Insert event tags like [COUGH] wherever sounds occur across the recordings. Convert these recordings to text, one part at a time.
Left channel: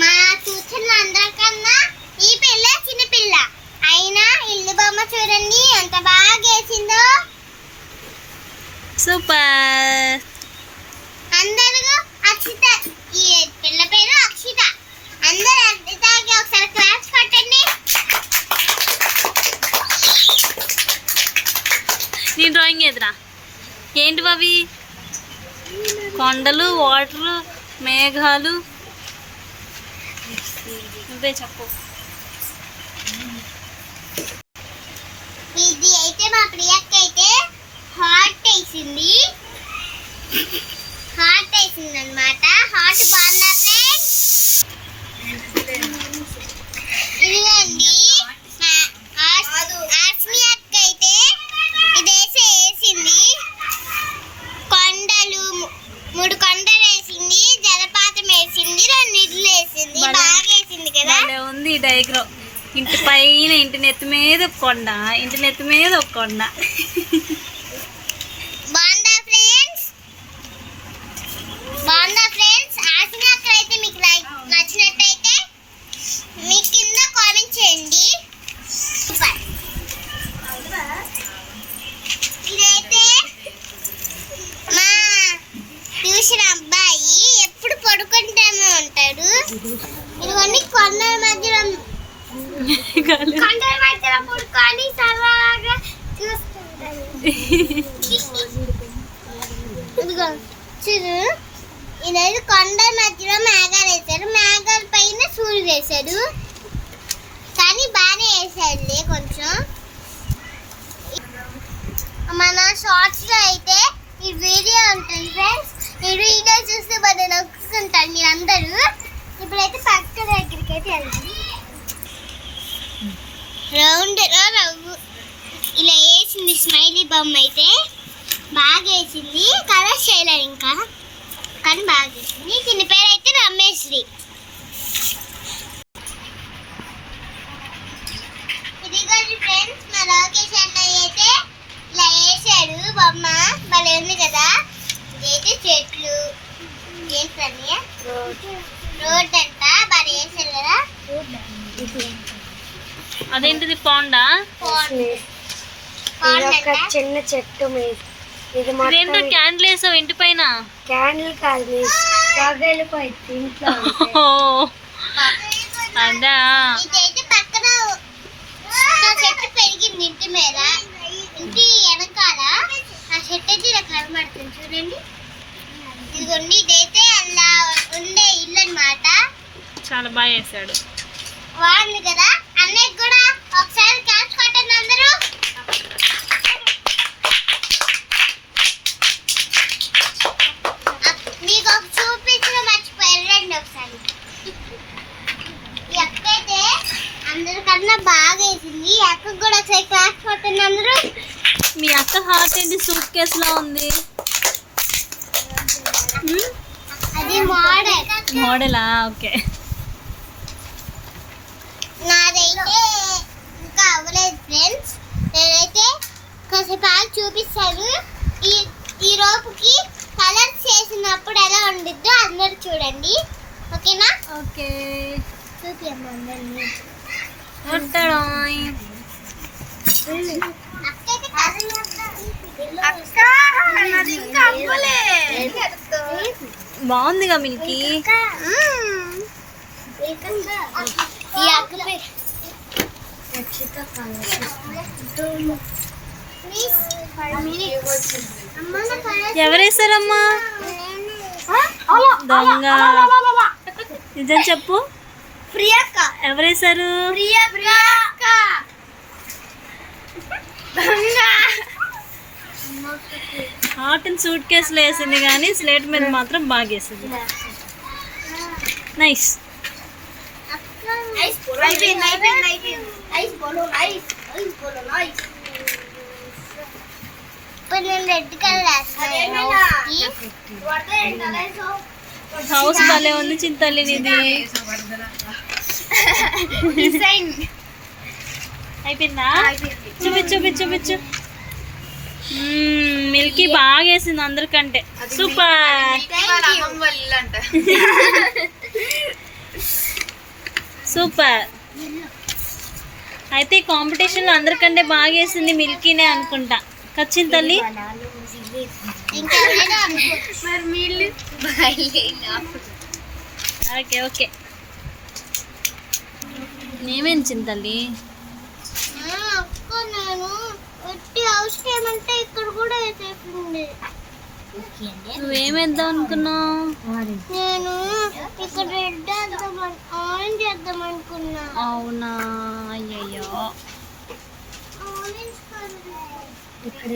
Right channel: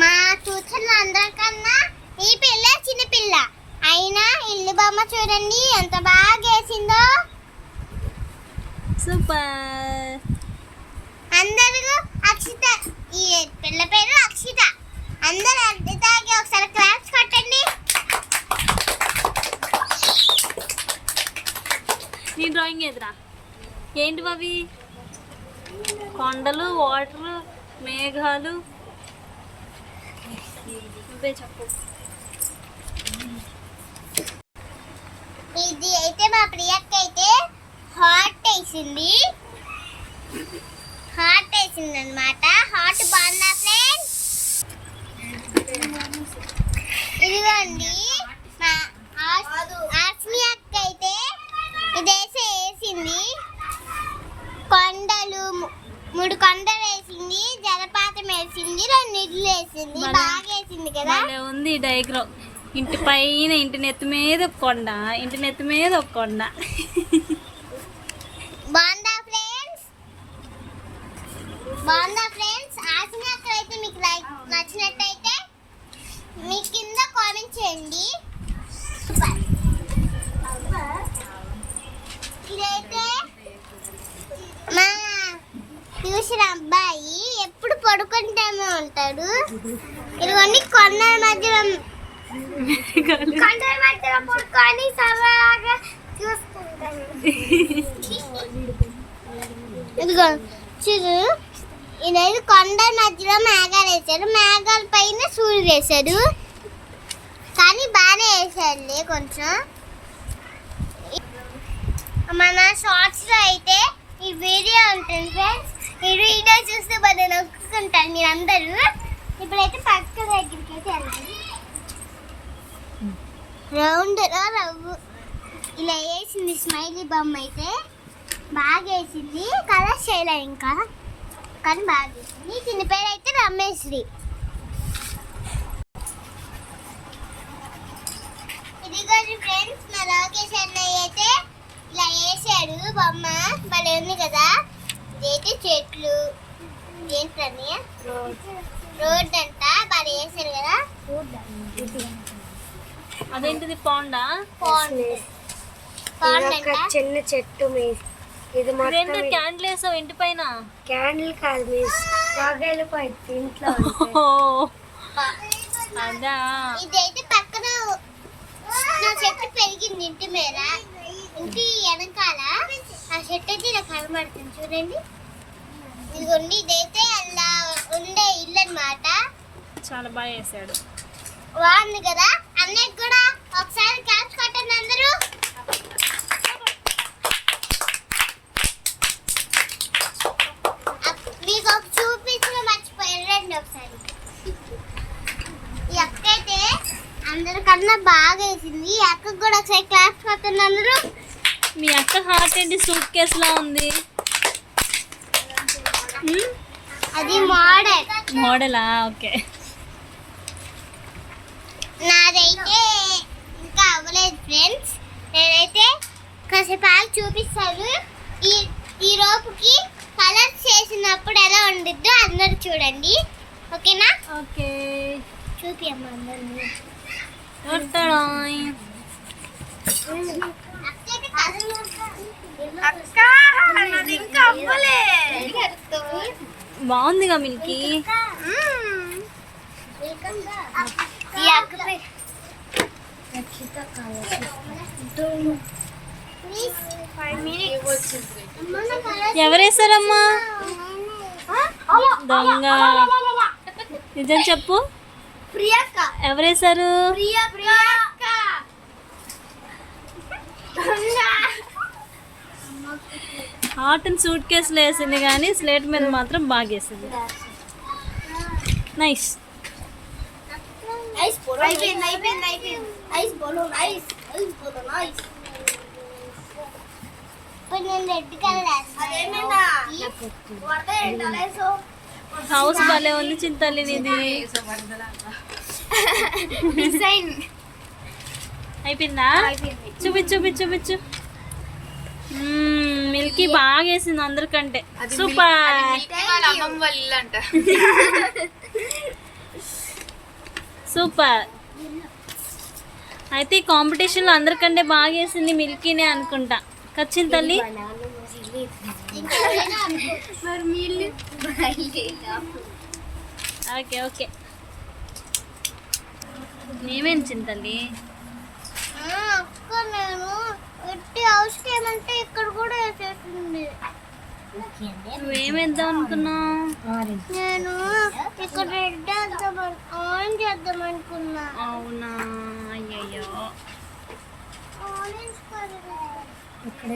మా సూచనలు అందరికన్నా ఈ పిల్ల చిన్న పిల్ల. అయినా ఇల్లు బొమ్మ చూడండి ఎంత బాగా గేసిందో. సూపర్. అందరూ అక్షిత. ఈ పిల్ల పేరు అక్షిత. అందరూ అక్షితకి ఒకసారి క్లాస్ కొట్టండి. నీ డ్రాయింగ్ ఎదురా? ఏంటి బాబీ? కొండలు వాటర్ మేఘాలు. ఇదే చెప్పు. ఇది అయితే మా ప్రియక్క అయితే హాట్ వేసింది. హాట్ వేసింది అనమాట హాట్ బాగున్నా ఫ్రెండ్స్ ఇదిగోండి మా ఆస్- ఆస్మి అక్క అయితే ఇదేసి వేసింది కొండలు ము- మూడు కొండలు వేసింది జలపాతం వేసింది రెండు ఇడ్లు వేసింది భలే. ఉంది ఈ డయాగ్రామ్ ఇంటి పైన ఇంటి నెత్తి మీద ఒక కొండ ఇంటి నెత్తి మీద ఒక కొండ. బాగుందా ఫ్రెండ్స్? బాగుందా ఫ్రెండ్స్? ఆసిన అయితే మీకు లైక్ నచ్చినట్టయితే మీ కింద కామెంట్ చేయండి. ఇదిగోండి కొండ మధ్యలో మేఘాలు [LAUGHS] కొండ మధ్యలో పడుకొని సరదాగా చూస్తుంటాను. ఇదిగో చూడు. ఇదైతే కొండ మధ్యలో మేఘాలు వేశాడు. మేఘాల పైన సూర్యుడు వేశాడు. కానీ బాగానే వేసాడులే కొంచెం. మన షార్ట్స్లో అయితే ఈ వీడియో ఉంటుంది ఫ్రెండ్స్ ఈ వీడియో చూస్తే బాగా నొక్కుంటారు మీరందరూ. ఇప్పుడైతే పక్క దగ్గరికి అయితే వెళ్తాం రౌండ్ రవ్వు. ఇలా వేసింది స్మైలీ బొమ్మ అయితే బాగా వేసింది కలర్ చేయలేదు ఇంకా. కానీ బాగా వేసింది దీని పేరు అయితే రమేశ్రీ ఇదిగోండి ఫ్రెండ్స్ మా లోకేష్ అన్నయ్య అయితే ఇలా వేసాడు బొమ్మ. భలే ఉంది కదా. ఇదైతే చెట్లు. రోడ్ అంట బాగా వేసాడు కదా? అదేంటిది పాండా? ఒక చిన్న చెట్టు మిస్ ఇది ఇదేంటో మొత్తం క్యాండిల్ వేసావు ఇంటి పైన? క్యాండిల్ కాదు మిస్ పగలిపోయింది ఇంట్లో అదా. ఇదైతే పక్కన నా చెట్టు పెరిగింది ఇంటి మీద. ఇంటి వెనకాల ఆ చెట్టు అయితే ఇలా కనబడుతుంది. చూడండి. ఇదిగోండి ఇదైతే అలా ఉండే ఇల్లు చాలా బాగా వేసాడు కదా అన్నయ్య కూడా ఒకసారి క్యాచ్ కొట్టండి అందరూ. మీకు ఒక చూపించడం ఒకసారి. ఈ అక్క అయితే అందరికన్నా బాగా వేసింది. ఈ అక్కకు కూడా ఒకసారి క్లాస్ కొట్టండి అందరూ. మీ అక్క హార్ట్ ఏంటి? సూట్ కేసులా ఉంది. అది మోడల్. మోడలా ఓకే. నాదైతే ఇంకా అవ్వలేదు ఫ్రెండ్స్. నేనైతే కాసేపు ఆగి చూపిస్తాను. ఈ ఈ రోపుకి కలర్స్ చేసినప్పుడు ఎలా ఉండిద్దో అందరు చూడండి. ఓకేనా? ఓకే. చూపియమ్మ అందరినీ. అక్క! బాగుందిగా మిల్కి. ఎవరేసారమ్మా దొంగ. నిజం చెప్పు. ఎవరేసారు ప్రియక్క హార్ట్ అండ్ సూట్ కేసులో వేసింది కానీ స్లేట్ మీద మాత్రం బాగా వేసింది. నైస్ హౌస్ భలే ఉంది చింతల్లి నీది డిజైన్ అయిపోయిందా. చూపించు చూపించు చూపించు. మిల్కీ బాగా వేసింది అందరికంటే. సూపర్. సూపర్. అయితే కాంపిటీషన్లో అందరికంటే బాగా వేసింది మిల్కీనే అనుకుంటా. కచ్చింది తల్లి. Okay okay. నేమేంచింది తల్లి? ఆ, అక్క నేను ఎట్టి హౌస్ ఏమంటే ఇక్కడ కూడా వేసేసింది నువ్వేమేద్దాం అనుకున్నావు? నేను ఇక్కడ రెడ్ వేద్దాం ఆరెంజ్ వేద్దాం అనుకున్నా. అవునా? కలర్. ఇక్కడ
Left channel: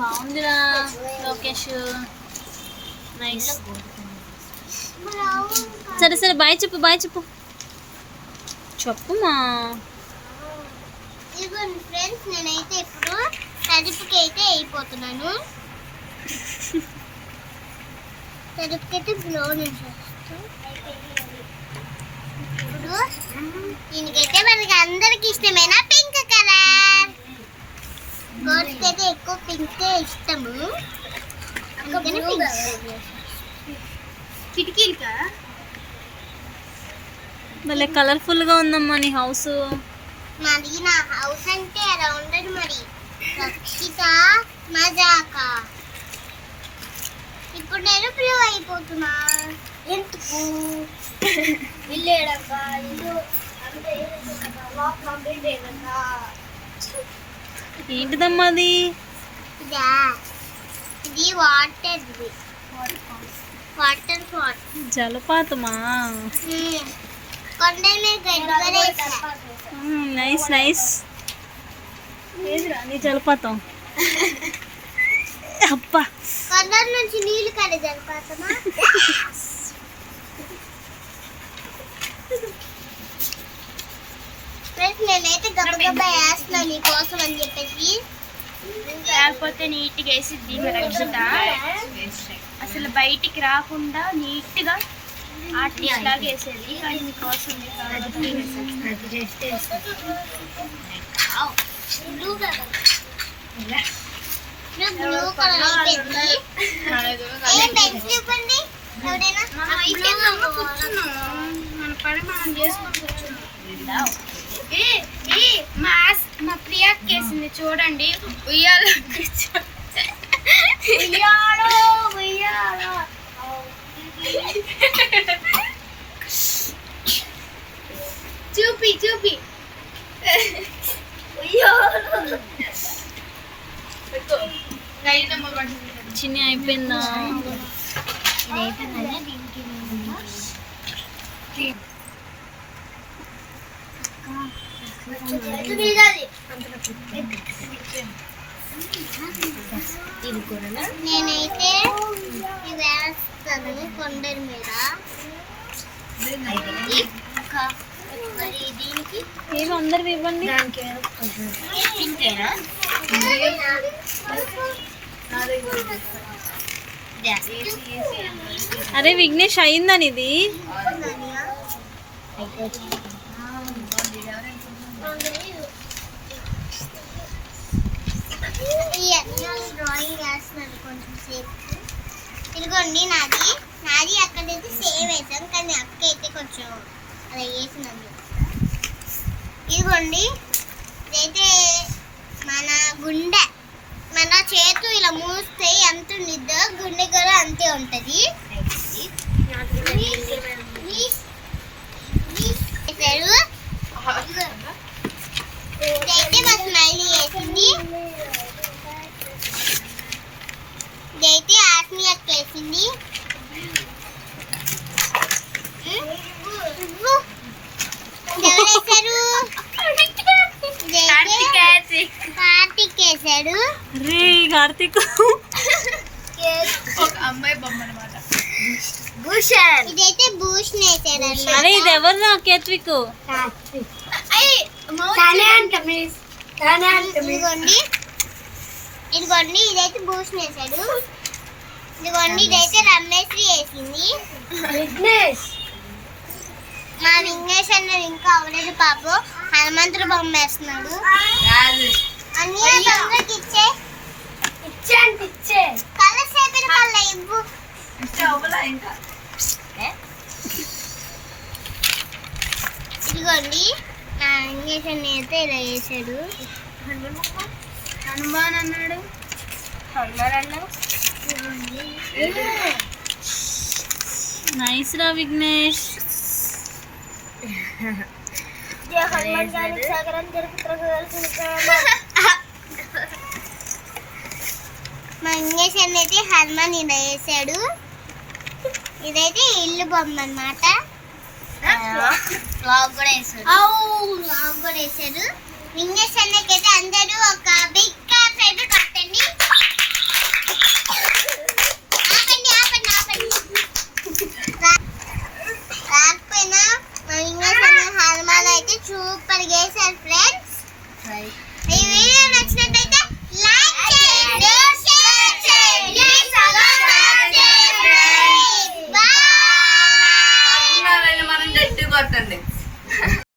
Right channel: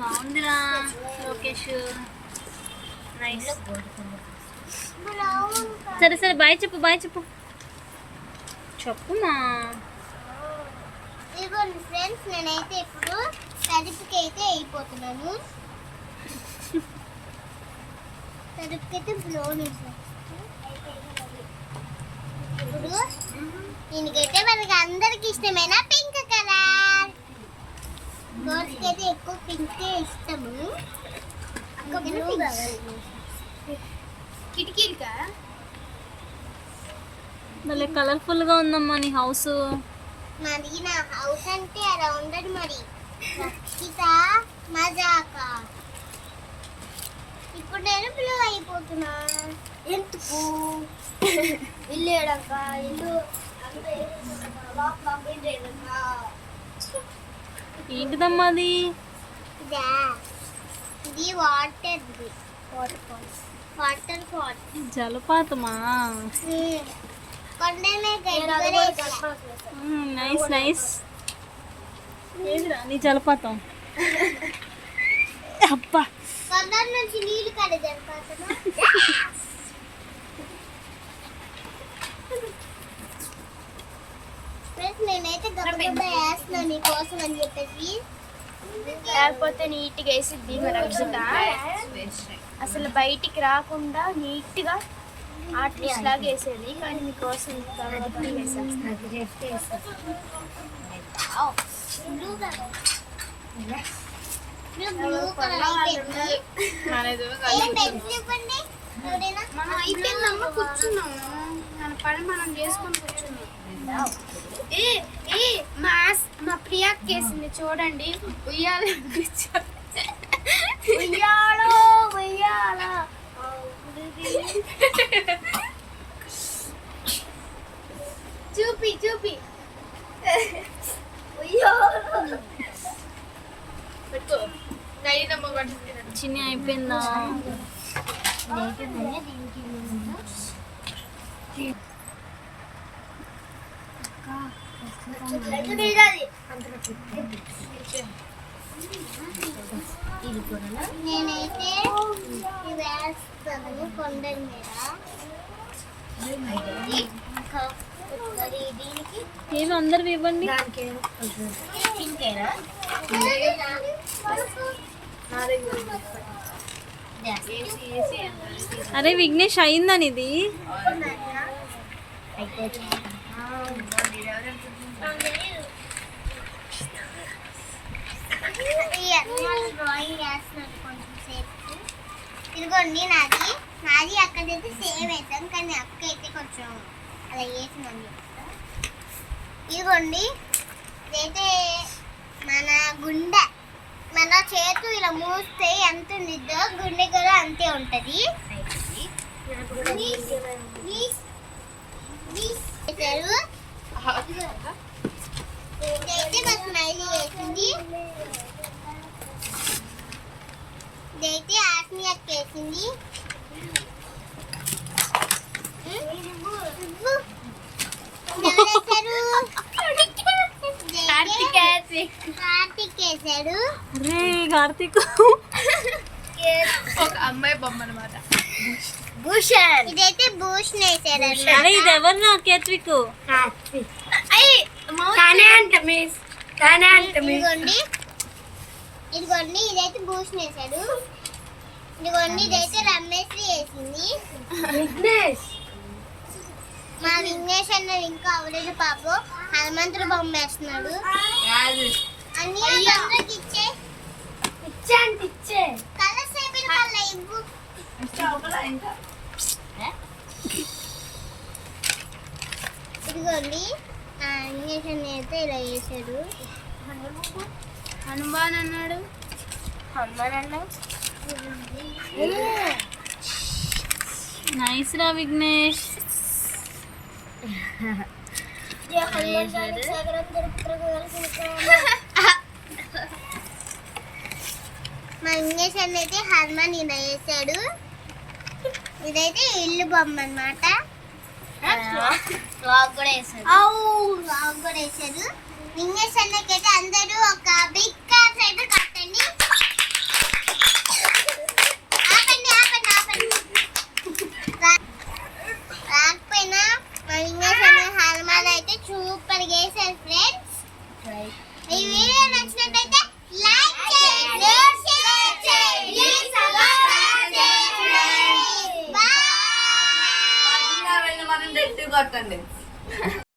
బాగుందిరా లోకేష్. నైస్. సరే సరే బాయ్ చెప్పు బాయ్ చెప్పు. చెప్పుమా? ఇదిగోండి ఫ్రెండ్స్ నేనైతే ఇప్పుడు తలుపుకి అయితే అయిపోతున్నాను తలుపుకైతే బ్రౌన్ ఇప్పుడు దీనికైతే మనకి అందరికి ఇష్టమైన పింక్ కలర్ గర్ల్స్కి అయితే ఎక్కువ పింక్ ఇష్టము. కిటికీలు కదా మళ్ళీ కలర్ఫుల్గా ఉందమ్మా నీ హౌస్ మరి నా హౌస్ అంటే అలా ఉండదు మరి. రక్షిత మజాక. ఇప్పుడు నేను బ్లూ అయిపోతున్నా. ఎందుకు? వెళ్ళాడక్క ఇల్లు ఏంటిదమ్మా అది? ఇదా? Water water జలపాతమా? Nice nice. ఏదిరా నీ జలపాతం? అబ్బా. నుంచి నీళ్ళు కడే ఫ్రెండ్స్ నేనైతే గబగబా అని చెప్పేసి. లేకపోతే నీట్గా వేసిద్ది రక్షిత అసలు బయటికి రాకుండా నీట్గా ఆర్టిస్ట్ లాగా వేసేది. కానీ మీకోసం అది మన పని మనం చేసుకొని కూర్చున్నాం మా ప్రియాకి వేసింది చూడండి. ఉయ్యాల ఉయ్యాలో ఉయ్యాలో. చూపి చూపి చిన్ని అయిపోయిందా నేనైతే ఇది వేస్తాను కొండల మీద. ఇంకా మరి దీనికి అందరు ఇవ్వండి. దానికి అరే విఘ్నేష్ అయిందని ఇది. డ్రాయింగ్ వేస్తున్నాను కొంచెం సేపు. ఇదిగోండి నాది. నాది అక్కడైతే సేమ్ వేసాం కానీ అక్క అయితే కొంచెం అలా వేసిందని ఇదిగోండి ఇదైతే మన గుండె మన చేతు ఇలా మూస్తే ఎంత ఉండిద్దో గుండె కూడా అంతే ఉంటుంది. ఇదైతే మా స్మైలీ వేసింది. ఇదైతే ఆత్మీయ వేసింది. ఇదైతే కార్తీక్ ఒక అమ్మాయి బొమ్మ అనమాట భూషణ్. ఇదైతే భూషణ్ వేసాడు అరే ఇది ఎవరు నా కేత్విక్ తానే అంట మిస్. తానే అంట మిస్. ఇదిగోండి ఇదిగోండి ఇదైతే భూషణ్ వేసాడు. ఇదిగోండి ఇదైతే రమేశ్రీ వేసింది విఘ్నేష్. మా విఘ్నేష్ అన్నది ఇంకా అవలేదు పాపం. హనుమంతుడు బొమ్మ వేస్తున్నాడు అన్ని తొందరకి ఇచ్చే ఇచ్చే. అంటే ఇచ్చే. కలర్స్ అయిపోయిన కళ్ళ ఇవ్వు. ఇదిగోండి ఆ, ఇంజక్షన్ అయితే ఇలా వేసాడు హనుమాన్ అన్నాడు. నైస్ రా విఘ్నేష్ మా అయితే హనుమాన్ ఇలా వేసాడు. ఇదైతే ఇల్లు బొమ్మ అనమాట కూడా వేసాడు. ఇంజక్షన్ అయితే అందరూ ఒక బిగ్ క్లాస్ అయితే